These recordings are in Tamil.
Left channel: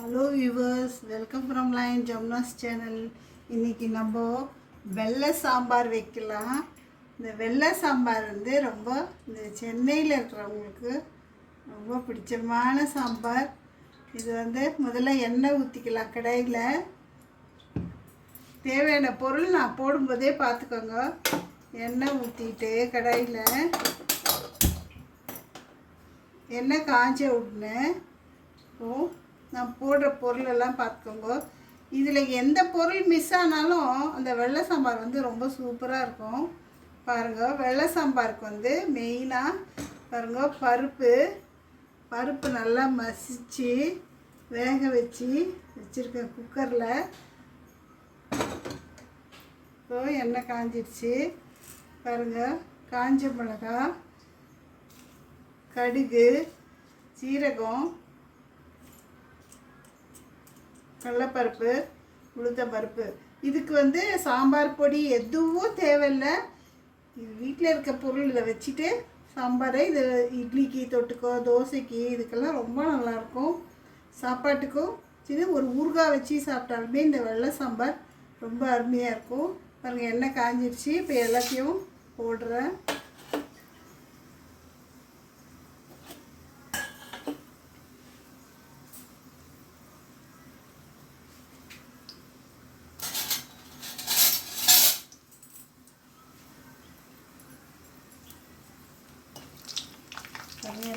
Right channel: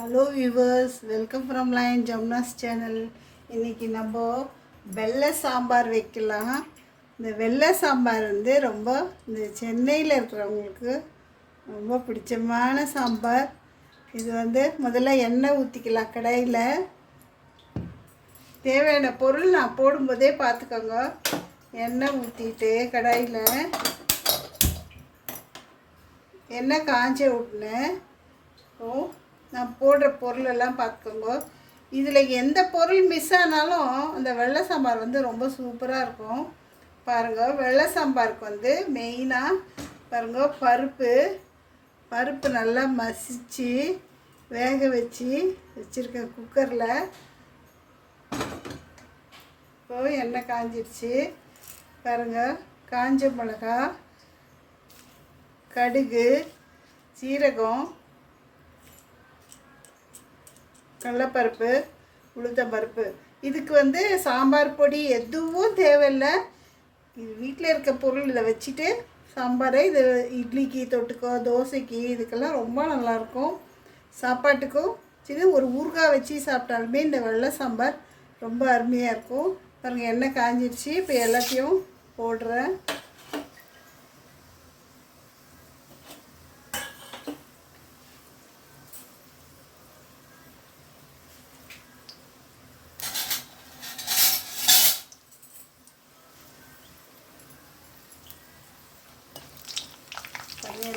Hello viewers, welcome from line Jamuna's channel. இன்றைக்கி நம்ம வெள்ளை சாம்பார் வைக்கலாம். இந்த வெள்ளை சாம்பார் ரொம்ப இந்த சென்னையில் இருக்கிறவங்களுக்கு ரொம்ப பிடிச்சமான சாம்பார். இது முதல்ல எண்ணெய் ஊற்றிக்கலாம். கடாயில் தேவையான பொருள் நான் போடும்போதே பார்த்துக்கோங்க. எண்ணெய் ஊற்றிட்டு கடாயில் எண்ணெய் காய்ச்ச விட்டுனேன். நான் போடுற பொருளெல்லாம் பார்த்துக்கோங்க. இதில் எந்த பொருள் மிஸ் ஆனாலும் அந்த வெள்ளை சாம்பார் ரொம்ப சூப்பராக இருக்கும். பாருங்கள், வெள்ளை சாம்பாருக்கு மெயினாக பாருங்கள், பருப்பு நல்லா மசித்து வேக வச்சுருக்கேன் குக்கரில். இப்போ எண்ணெய் காஞ்சிடுச்சு. பாருங்கள், காஞ்ச மிளகா, கடுகு, சீரகம், கடலைப்பருப்பு, உளுத்தம்பருப்பு. இதுக்கு சாம்பார் பொடி எதுவும் தேவையில்லை. இது வீட்டில் இருக்க பொருள் இதில் வச்சுட்டு சாம்பாரை இது இட்லிக்கு தொட்டுக்கோ, தோசைக்கு, இதுக்கெல்லாம் ரொம்ப நல்லாயிருக்கும். சாப்பாட்டுக்கும் சரி, ஒரு ஊறுகாய் வச்சு சாப்பிட்டாலுமே இந்த வெள்ளை சாம்பார் ரொம்ப அருமையாக இருக்கும். பாருங்கள், எண்ணெய் காஞ்சிடுச்சு. இப்போ எல்லாத்தையும் போடுறேன்.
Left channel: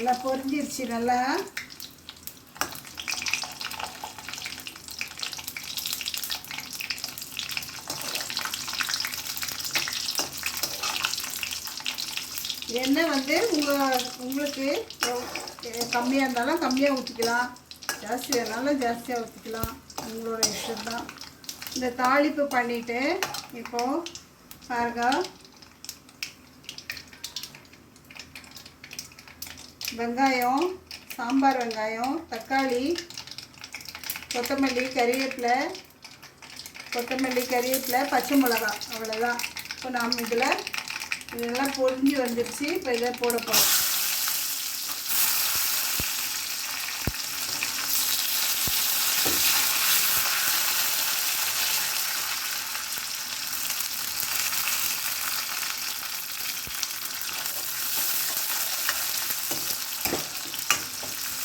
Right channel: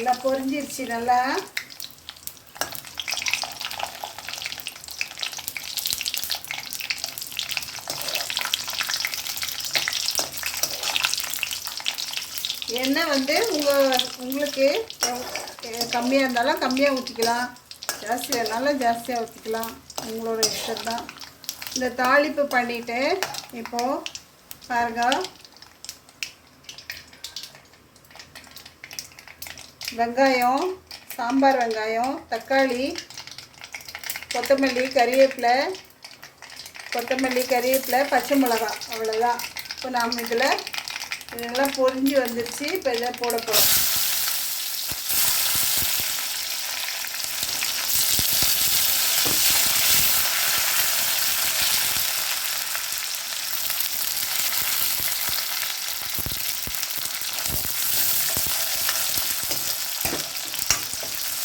எல்லாம் பொரிஞ்சிருச்சு நல்லா. எண்ணெய் உங்களுக்கு கம்மியாக இருந்தாலும் கம்மியாக ஊற்றிக்கலாம், ஜாஸ்தியாக இருந்தாலும் ஜாஸ்தியாக ஊற்றிக்கலாம். உங்களோட இஷ்டம் தான். இந்த தாளிப்பு பண்ணிவிட்டு இப்போது பாருங்க, வெங்காயம், சாம்பார் வெங்காயம், தக்காளி, கொத்தமல்லி, கறிவேப்பிலை, பச்சை மிளகாய், அவ்வளோதான். இப்போ நாம் இதெல்லாம் பொரிஞ்சு வந்துடுச்சு. இப்போ இதை போட போகிறோம்.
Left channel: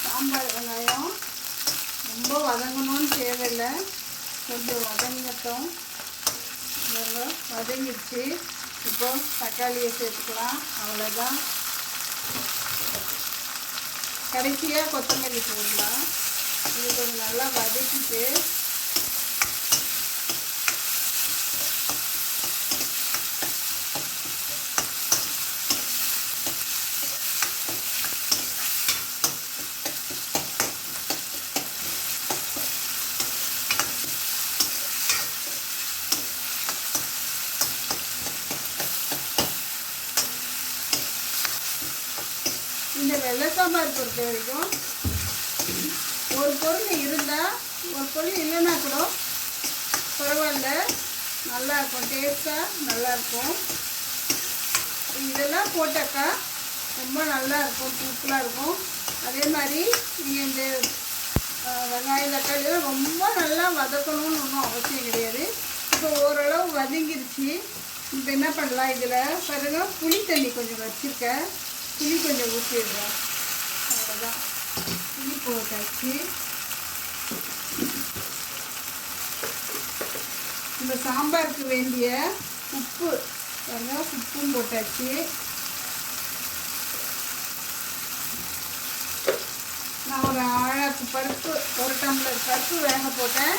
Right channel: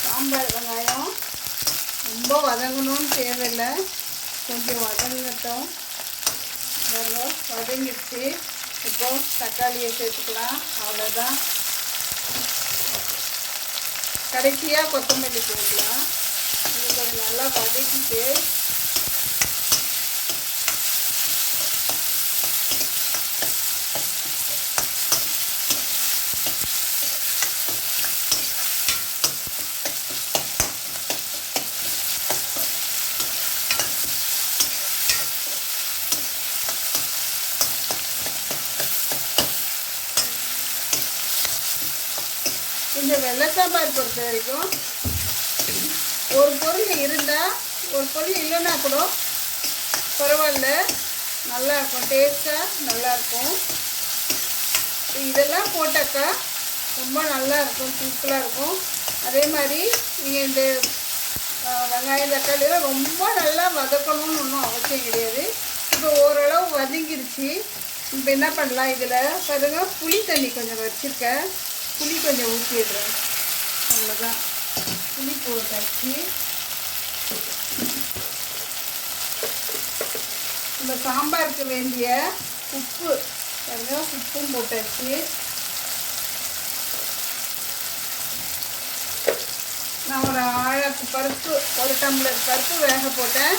சாம்பார் வெங்காயம் ரொம்ப வதங்கணும்னு தேவையில்லை, கொஞ்சம் வதங்கட்டும். வதங்கிடுச்சு. இப்போ தக்காளியை சேர்த்துக்கலாம், அவ்வளோதான். கடைசியாக கொத்தமல்லி போடலாம். இது கொஞ்சம் நல்லா வதக்கிட்டு இந்த வெள்ளை சாம்பார் பொறுத்த வரைக்கும் ஒரு பொருள் இருந்தால், ஒரு பொருள் இல்லைன்னா கூட பரவாயில்ல, நல்லாயிருக்கும். டேஸ்ட்டாக நல்லாயிருக்கும். இதெல்லாம் போட்டாக்கா ரொம்ப நல்லாயிருக்கும், சிம்பிளாக இருக்கும். அதே மாதிரி நீங்கள் இந்த வெங்காயம், தக்காளியெல்லாம் ரொம்ப நல்லா வதக்கணும்னு ஒன்றும் அவசியம் கிடையாது. இப்போ ஓரளவு வதங்கிடுச்சு. இப்போ என்ன பண்ணலாம், இதில் பாருங்க, புளி தண்ணி கொஞ்சம் வச்சுருக்கேன். புளி கொஞ்சம் ஊற்றிடுறேன், அவ்வளோதான். புளி போட்டாச்சு. இந்த சாம்பாருக்கு வேண்டிய உப்பு உப்பும் போட்டாச்சு. நான் ஒரு ஆழத்து பருப்பு, ஒரு டம்ளர் பருப்பு வேக போட்டேன்.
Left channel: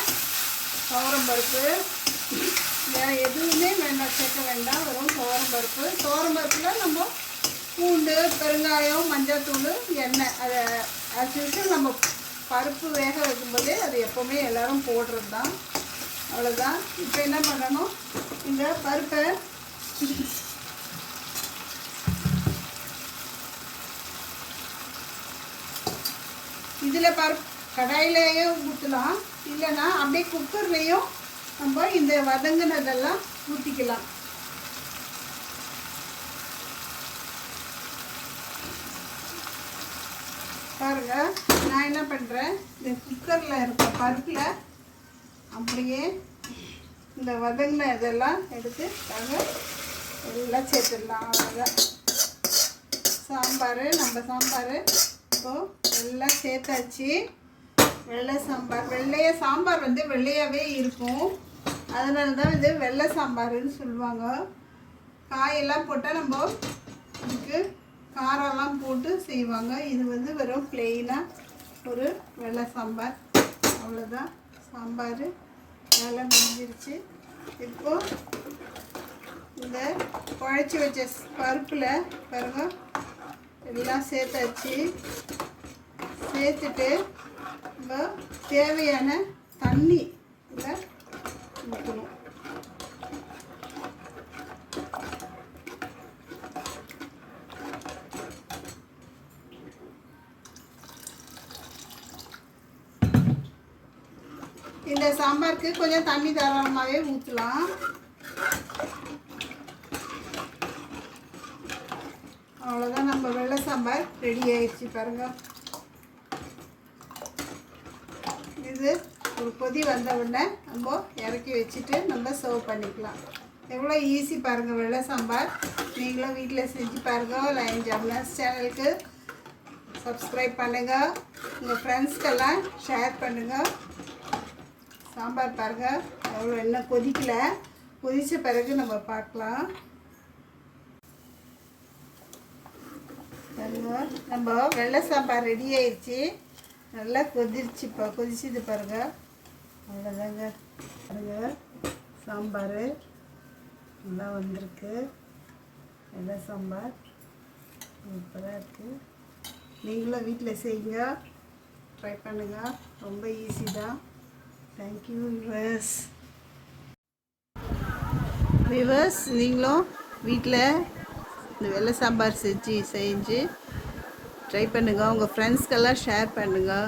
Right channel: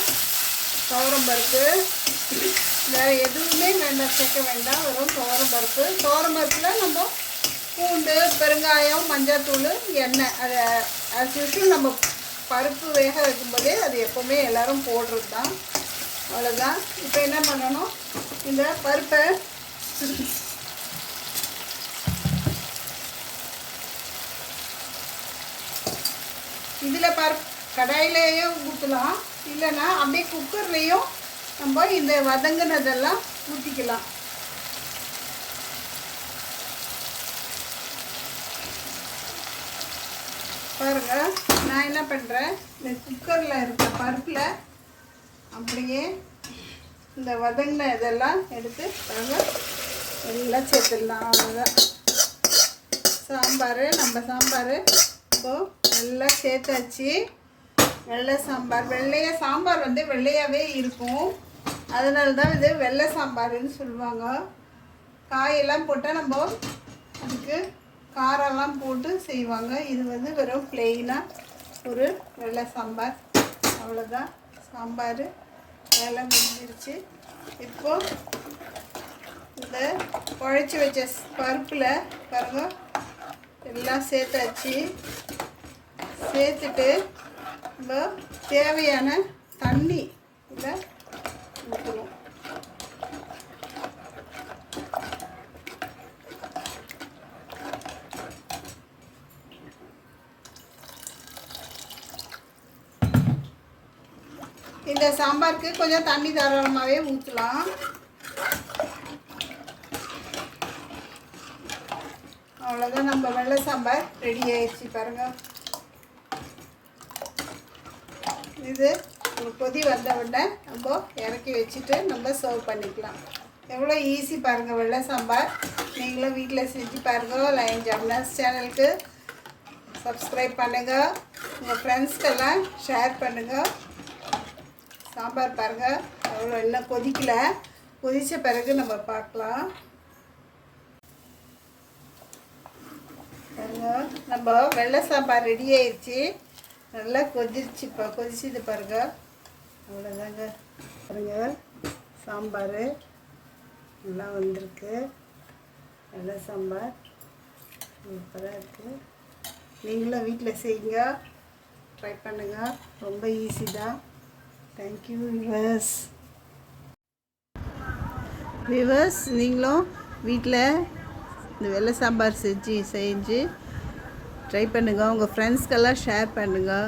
துவரம் பருப்பு, வேறு எதுவுமே வேண்டாம், சேர்க்க வேண்டாம், வெறும் துவரம் பருப்பு. துவரம் பருப்பில் நம்ம பூண்டு, பெருங்காயம், மஞ்சள்தூள், எண்ணெய், அதை ஆக்சுவலி நம்ம பருப்பு வேக வைக்கும்போதே அது எப்போவுமே எல்லோரும் போடுறது தான், அவ்வளோதான். இப்போ என்ன பண்ணணும், இந்த பருப்பை இதில் கடாயிலேயும் ஊற்றலாம், இல்லைன்னா அப்படியே குக்கர்லேயும் நம்ம இந்த வதங்கினதெல்லாம் ஊற்றிக்கலாம். பாருங்கள், நான் என்ன பண்ணுறேன், இந்த குக்கரில் இருக்க பருப்பில் அப்படியே இந்த வதங்கின இதெல்லாம் எடுத்து எல்லாம் சேர்த்துடலாம். அவ்வளோதான் சாம்பார். நம்ம சாம்பார் இப்போது எல்லாம் சேர்த்தாச்சு. வெள்ளை சாம்பார். சாம்பார் வந்து வெள்ளையாகவே இருக்கும், அதனால தான் இது வெள்ளை சாம்பார்னு சொல்லுவாங்க. காயெல்லாம் போட்டால் நம்ம அதுக்கு காரெல்லாம் போட்டு செய்வாங்க. இது வந்து வெறும் பிளெயினாக ஒரு வெள்ளை சாம்பார். அவ்வளோதான் சாம்பார் வேலை முடிஞ்சிருச்சு. இப்போது இந்த குழச்சி வச்ச பருப்பில் பாருங்க எல்லாம் சேர்த்தாச்சு. சேர்த்துட்டு நம்ம தேவையான தண்ணி இதில் ஊற்றணும். இந்த சாம்பாருக்கு கொஞ்சம் தண்ணி தாராளமாகவே ஊற்றலாம். அவ்வளோதான், நம்ம வெள்ளை சாம்பார் ரெடி ஆயிடுச்சு பாருங்கள். இது ஒரு கொதி வந்த உடனே நம்ம இறக்கி வச்சுட்டு நம்ம சர்வ் பண்ணிக்கலாம். எவ்வளோ ஈஸி பாருங்கள் வெள்ளை சாம்பார். நீங்களும் வீட்டில் செஞ்சு பாருங்கள். லைன் ஜம்னாஸ் சேனலுக்கு சப்ஸ்கிரைப் பண்ணுங்கள், உங்கள் ஃப்ரெண்ட்ஸ்க்கெல்லாம் ஷேர் பண்ணுங்கள். சாம்பார் பாருங்கள் அவ்வளோ எல்லாம் கொதிக்கலை, கொதித்த பிறகு நம்ம பார்க்கலாம். நம்ம வெள்ளை சாம்பார் ரெடி ஆயிடுச்சு. நல்லா கொதிச்சுப்பா, கொதிச்சுது பாருங்கள். அவ்வளோதாங்க பாருங்கள், சாம்பார் நல்லா வந்திருக்கு. வெள்ளை சாம்பார் சூப்பராக இருக்குது. நீங்களும் வீட்டில் செய்யுங்க, ட்ரை பண்ணுங்கள். ரொம்ப ஈஸி தான். Thank you viewers. நீங்களும் வீட்டில் இந்த வெள்ளை சாம்பார் செஞ்சு ட்ரை பண்ணுங்கள். உங்கள் ஃப்ரெண்ட்ஸ்க்கெல்லாம் ஷேர் பண்ணுங்கள்.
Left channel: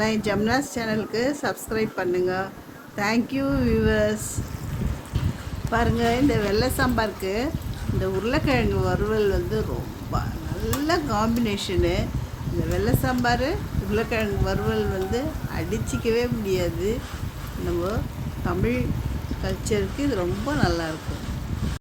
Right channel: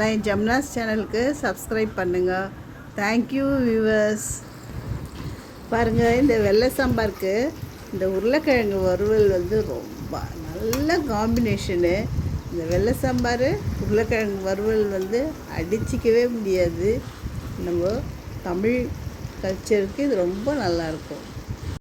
லைன் ஜம்னாஸ் சேனலுக்கு சப்ஸ்கிரைப் பண்ணுங்கள். Thank you viewers. பாருங்கள், இந்த வெள்ளை சாம்பாருக்கு இந்த உருளைக்கிழங்கு வறுவல் வந்து ரொம்ப நல்ல காம்பினேஷனு. இந்த வெள்ளை சாம்பார் உருளைக்கிழங்கு வறுவல் வந்து அடிச்சிக்கவே முடியாது. நம்ம தமிழ் கல்ச்சருக்கு இது ரொம்ப நல்லாயிருக்கும்.